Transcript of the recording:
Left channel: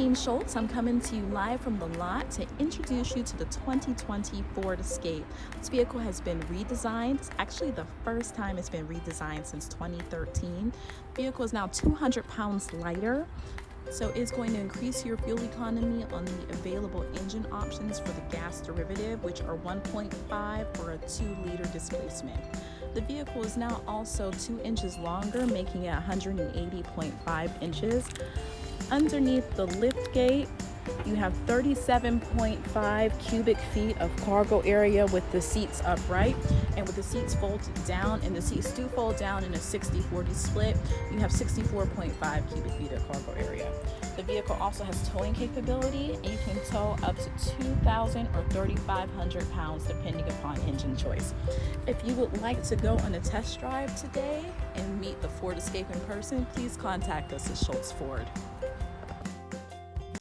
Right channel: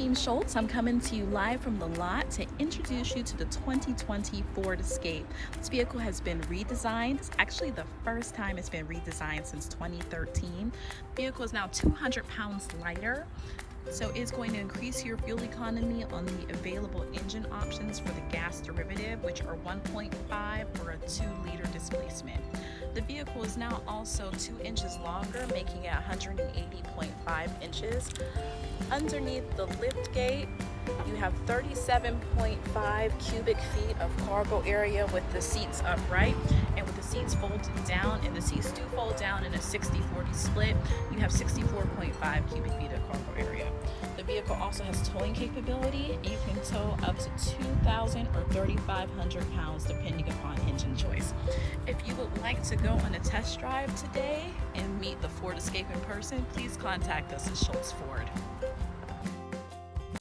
Team Shults. I'm coming to you live from the lot to introduce you to the 2020 Ford Escape. This vehicle has been redesigned. It's actually the first time it's been redesigned since 2013. The vehicle is now 200 pounds lighter, so it's going to increase your fuel economy on the available engine options for the gas derivative, which are 1.5 or a 2-liter displacement. The vehicle is now also 2 inches longer, making it 180.5 inches. Underneath the lift gate, you have 37.5 cubic feet of cargo area with the seats upright, and with the seats folded down, and the seats do fold down in a 60-40 split, you have 64.5 cubic feet of cargo area. The vehicle also has towing capability, and you can tow up to 2,000 or 3,500 pounds depending upon engine choice. If you would like to go on a test drive today and meet the Ford Escape in person, please contact us at Shults Ford.